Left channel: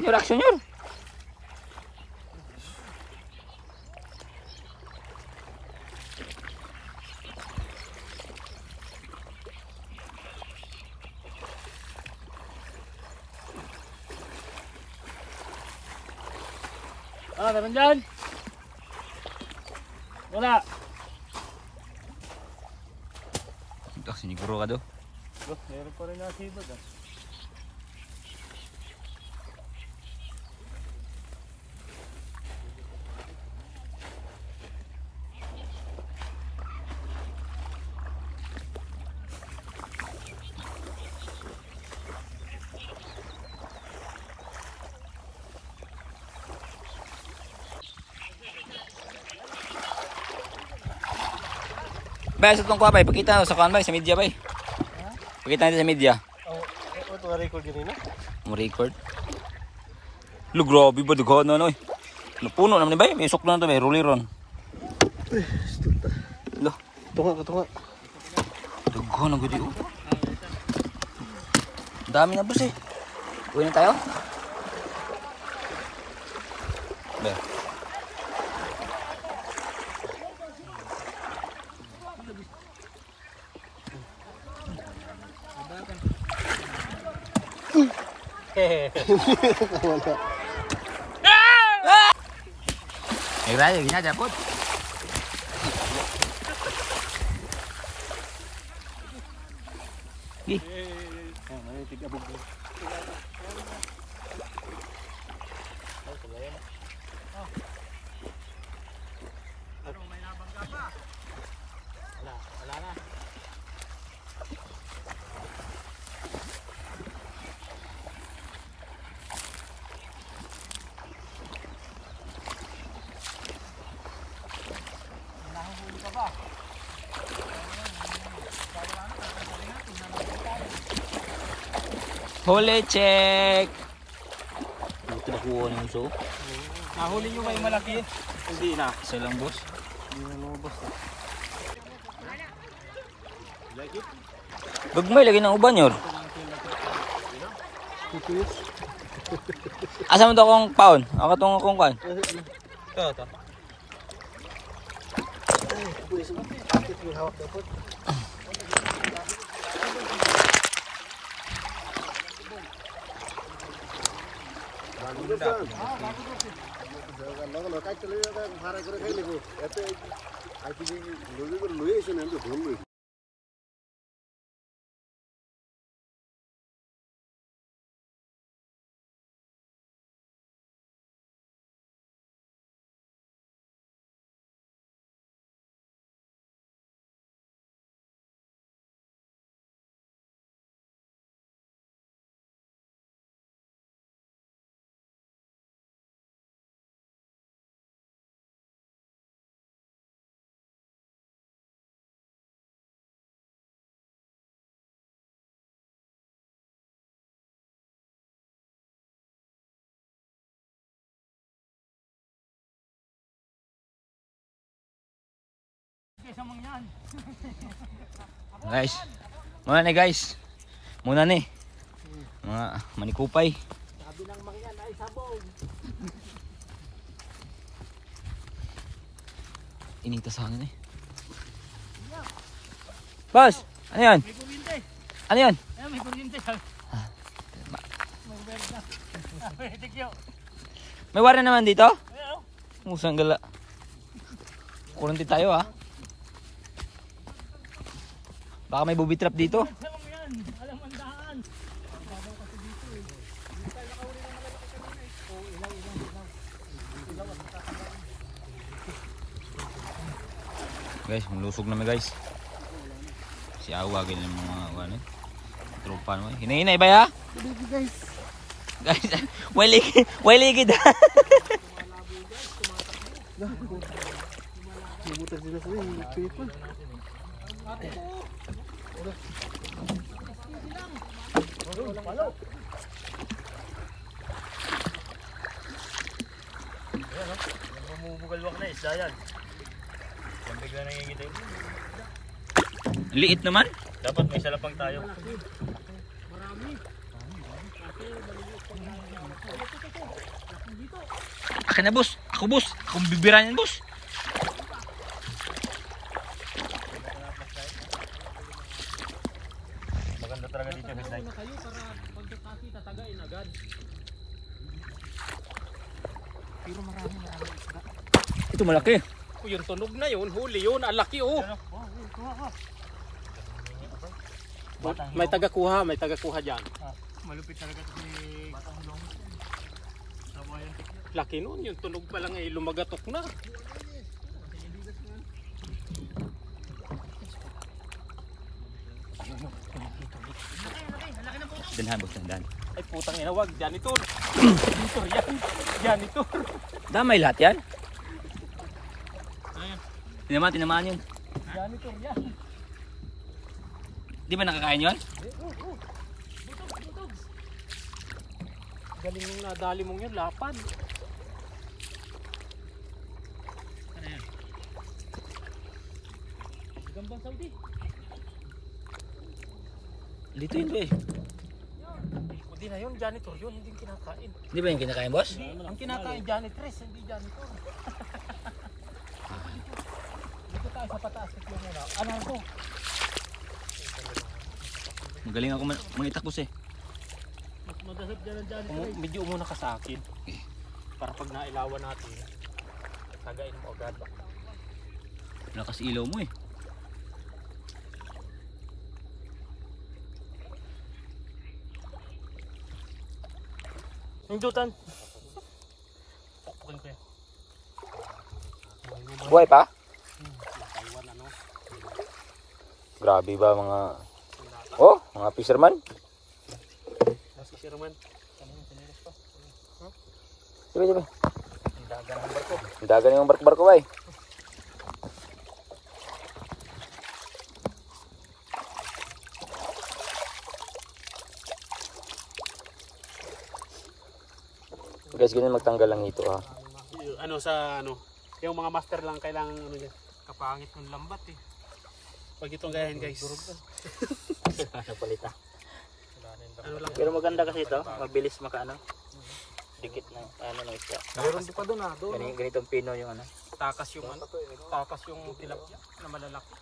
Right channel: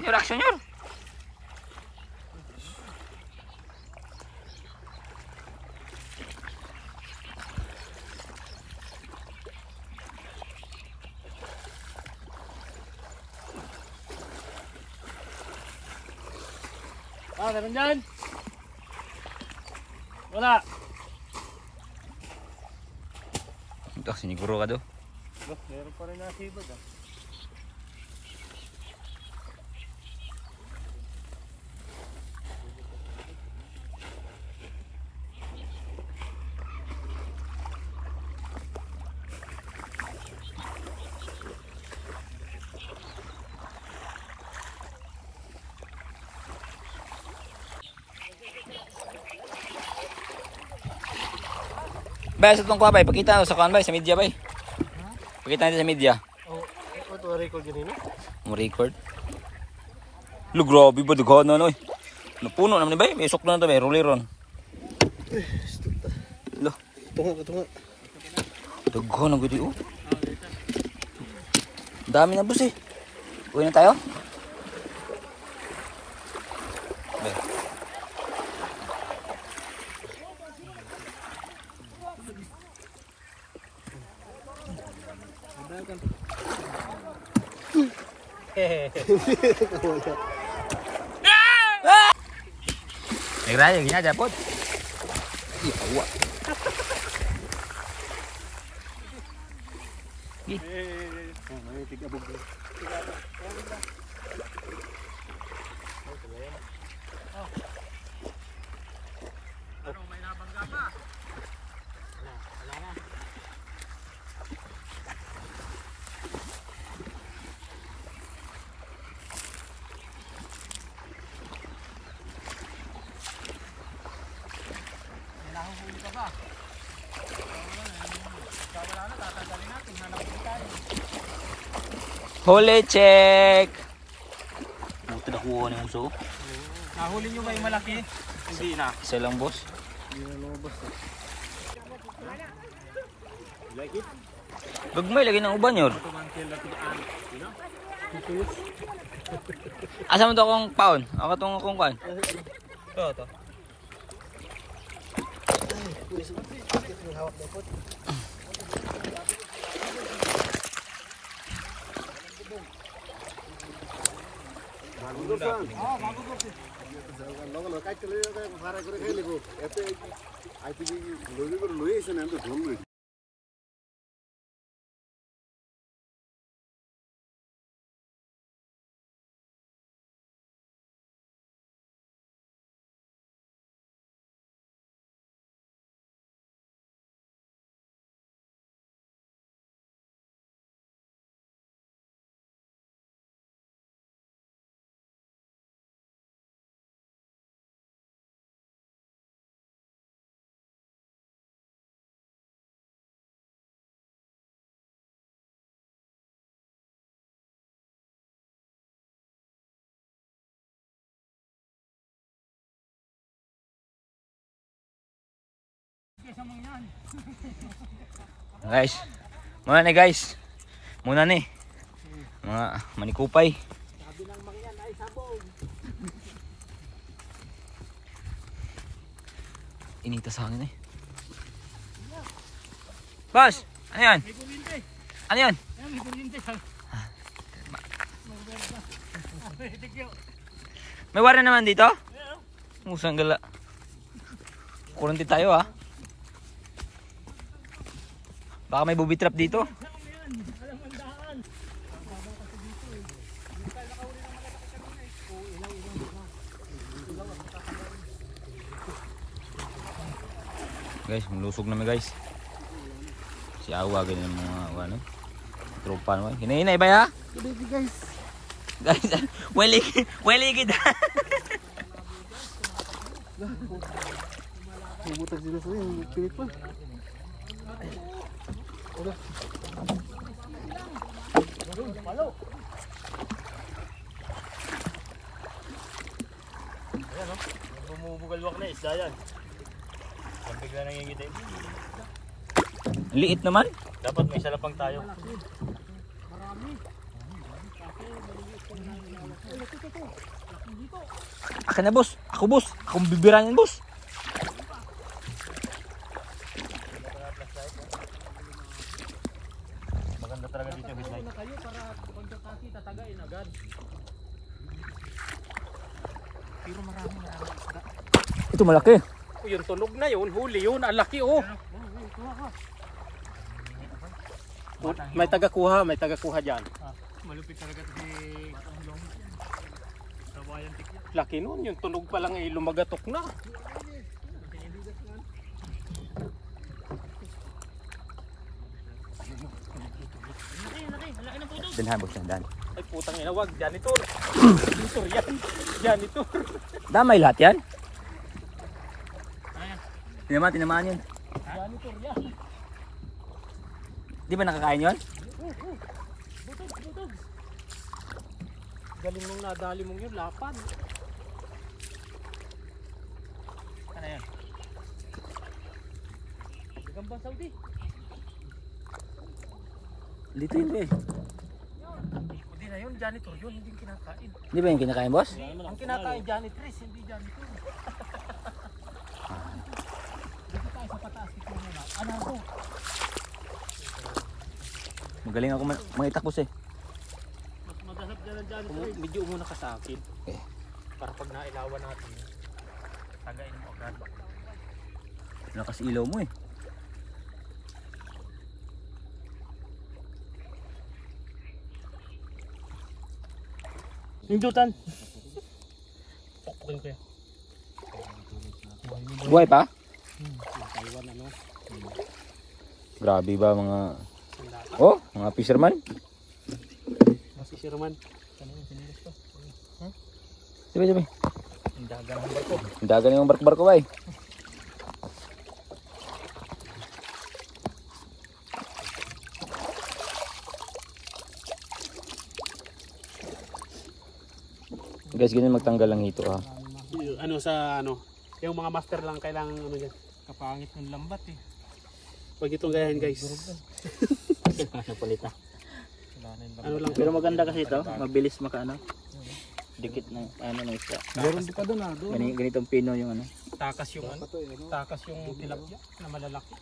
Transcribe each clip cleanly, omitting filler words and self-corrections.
Senyor, action senyor. Ah, naman dyan. Wala. Ito, siniguro ka do. Meron pa rin yung sibag ah. Bay, sa itong kuha bay, pakita na sa kuha bay, sa media bay. Pakita natin sa media. Oh, ito record yun no? Mo record. Lo, grabe ba dughan na no? Napuno naman bay, may sok na to bay, ruliron. Uy, stop ta. Lo, Tunga. dughan na gudi oh. Dami na boss eh. Uwi na tayo. Bay. Nagraya, gina japot. May tigabog. Huli check. Puto na kuha na yung so. Nahuli nyo ba yung malaki? Hindi na. Isa lang boss. Hindi na lumabas na. Like it? Dugmay lagi ng uban yor. Asa mo to akong paon? Ako itong akong paon. Ito. Guys, muna ni guys. Muna ni. Mga manikupay. Sabi ng mangyan ay sabog. Inita sa hangin eh. Boss, ano yan? May kuryente. Ano yan? May kuryente. May wara naman dito? Musang gala. Kurunti tayo ha. Baka may booby trap dito. Guys, malusog namin guys. Si Awa ganyan ng mga ano. Tropa naman. Hinahinay ba ya? Guys. Guys, waligid. Bumutan sila sa yung pilit pa. Palo. Bumubugalwak na isda yan. Yung bigla nangingita yun. Liit naman. Dapat may salapang tayo. Marami. Akin na boss. Ako boss. Akong bibira niyan boss. Maganda talaga dito midnight. Ito malaki. Yung tunog na yun, huli yun, ang laki oh. May tagakuha dyan. Malupit talaga ito si Kahulong. Sabayan tikla. Laki nun, yung tunog pa lang eh, lumagatok na. Danhan boss, danhan. Ay putang ina, wag, janitor. Janitor. Damay lahat yan. Tinamaan yun. Janitor yan. Di ba nakakain yun? Galing mong nadali mong yun, lapad. Ano yan? Gambang Saudi. Dito yun eh. Hindi na yun, janitor yun, hindi kinakain. Di ba yung kinakain boss? Ang kinakain, janitress, hindi janitor. Dito tayo sa pataas. Ano ko? Magaling ako mangitak boss eh. Magdasap dyan ang janitor. Medyo umuna ka sa akin. Okay. Para pag nailawan natin, tagain mo agad. Lakas ilaw mo eh. Hindutan. Pukukin ko yan. Buhay na buhay. Buhay pa? Yung Taiwan ano. Grabe ba mga... Sundata. Oh, mga fisherman? Si Sherman. Ano yung sinilas pa? Diba, diba? Ang daga ng barko. Ang dagan yung barko-barko ba eh. Guys, ganyan magtanggal lang ito ha. Ano sa ano? Yung mga master lang kailangan ano dyan. Kapangit ng lambat eh. Huwag itong gayahin guys. Napalita. Ano lang Pero maganda kasi ito. Mabilis makaano. Dikit ng ano ng isda. Meron din pa doon ah. Doon. Ganitong pino yung ano. Takas yung ano. Takas yung tilapia na malalaki.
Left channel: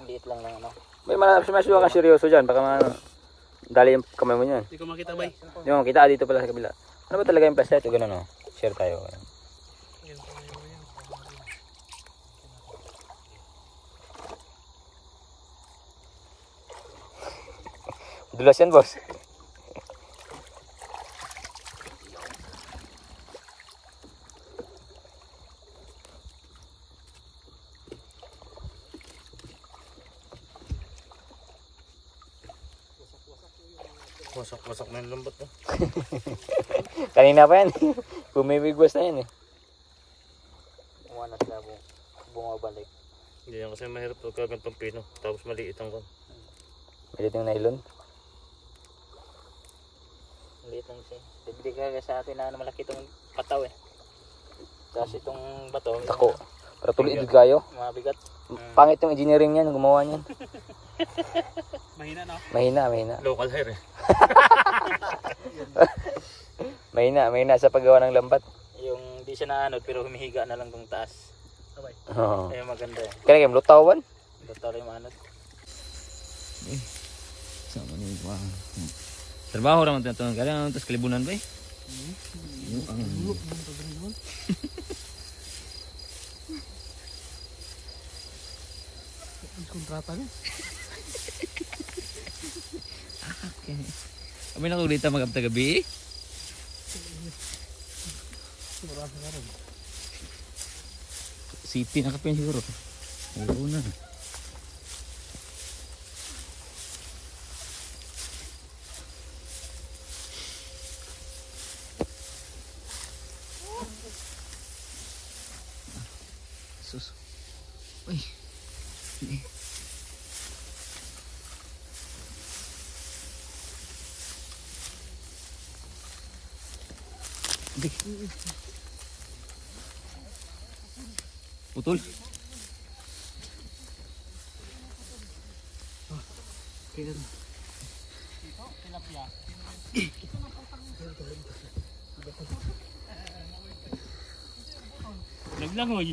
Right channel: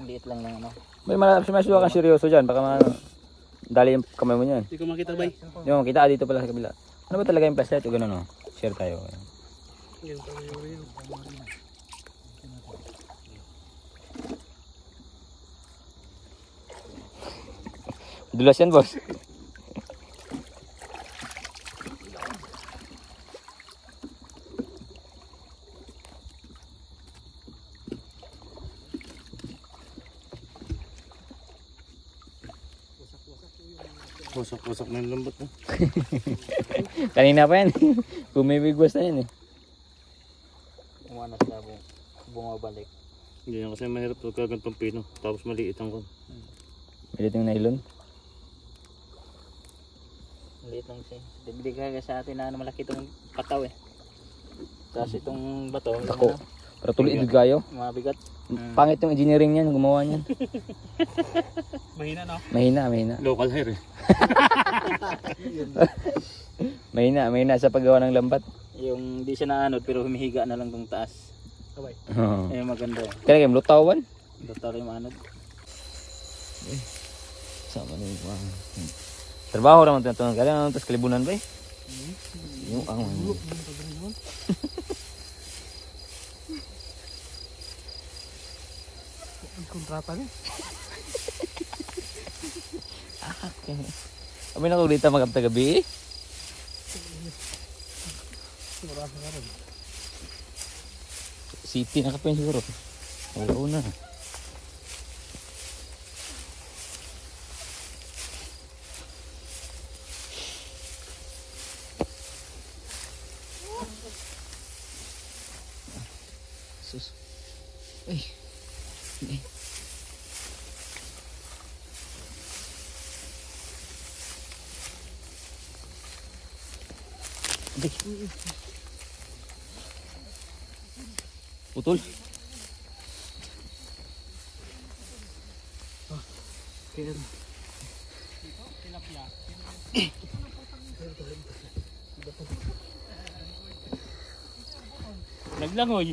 Ang liit lang yung ano. May masyadong kang seryoso dyan. Baka dali yung kamay mo yan. Hindi ko makita bay. Yung kita dito pala sa kabila. Ano ba talaga yung flashlight o gano'n o? Share tayo. Yan pa yun. Dulas yan boss. Wasak-wasak na yung lambot. Kanina pa yan. Bumibigwas na yan eh. Umanas na bumabalik. Hindi yan kasi mahirap pagkagantong pino. Tapos maliit ang kon. Maliit yung nylon. Maliit lang siya. Dibili ka sa atin na malaki itong pataw eh. Tapos itong bato. Tako. Pero tuloy idud kayo. Mabigat. Pangit yung engineering niyan. Gumawa niyan. Mahina no? Mahina. Local hair eh. Mahina sa paggawa ng lambat. Yung di siya naanod pero humihiga na lang tong taas. Kabay. Oo. Ayun maganda eh. Kaya yung lutawan. Basta rin yung anod. Sama na yung trabaho naman ito. Kaya naman ito kalibunan ba eh. Yung ang... Kontrata niya. Okay. Kami na ulit magkapta gabi eh. Marami na rin. City na kapin siguro. Oo na. Sus. Uy. Hindi. Putol. Kaya na. Ito, tilapia. Wait lang, hoy.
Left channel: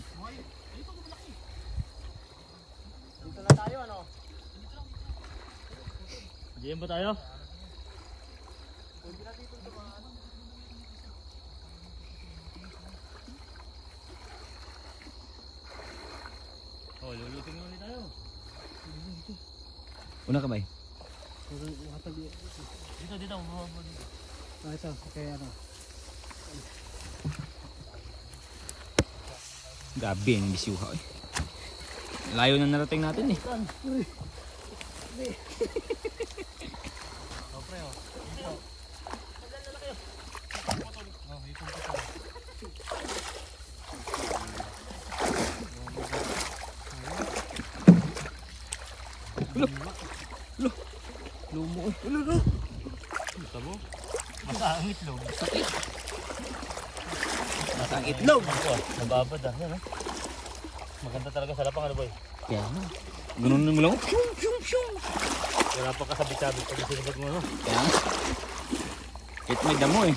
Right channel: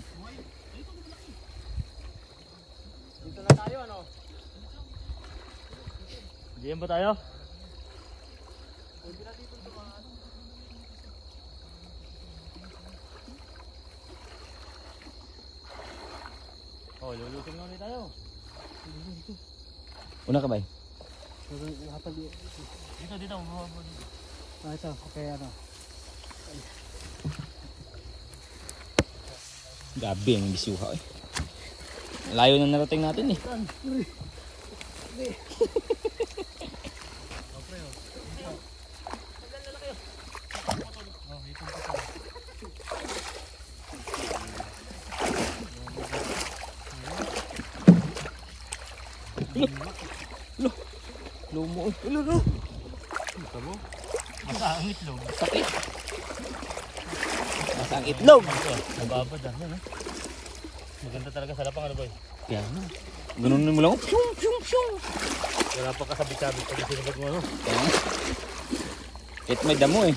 Dito na tayo, ano? Diyan ba tayo? Oh, lulutin nga ulit tayo. Una ka ba? Dito, dito. Ah, ito, okay, ano? Gabi ang bisyuha eh. Layo na narating natin eh. Lumo eh. Tabo. Masa ang itlog. Sakit. Masa ang itlog. Nababad ah. Yan ah. Maganda talaga sa lapang ano boy. Kaya ano. Ganun mo lang. Pyong, pyong, pyong. Wala pa kasabit-sabit pag sinabag mo ano. Kaya ano. Kahit may damo eh.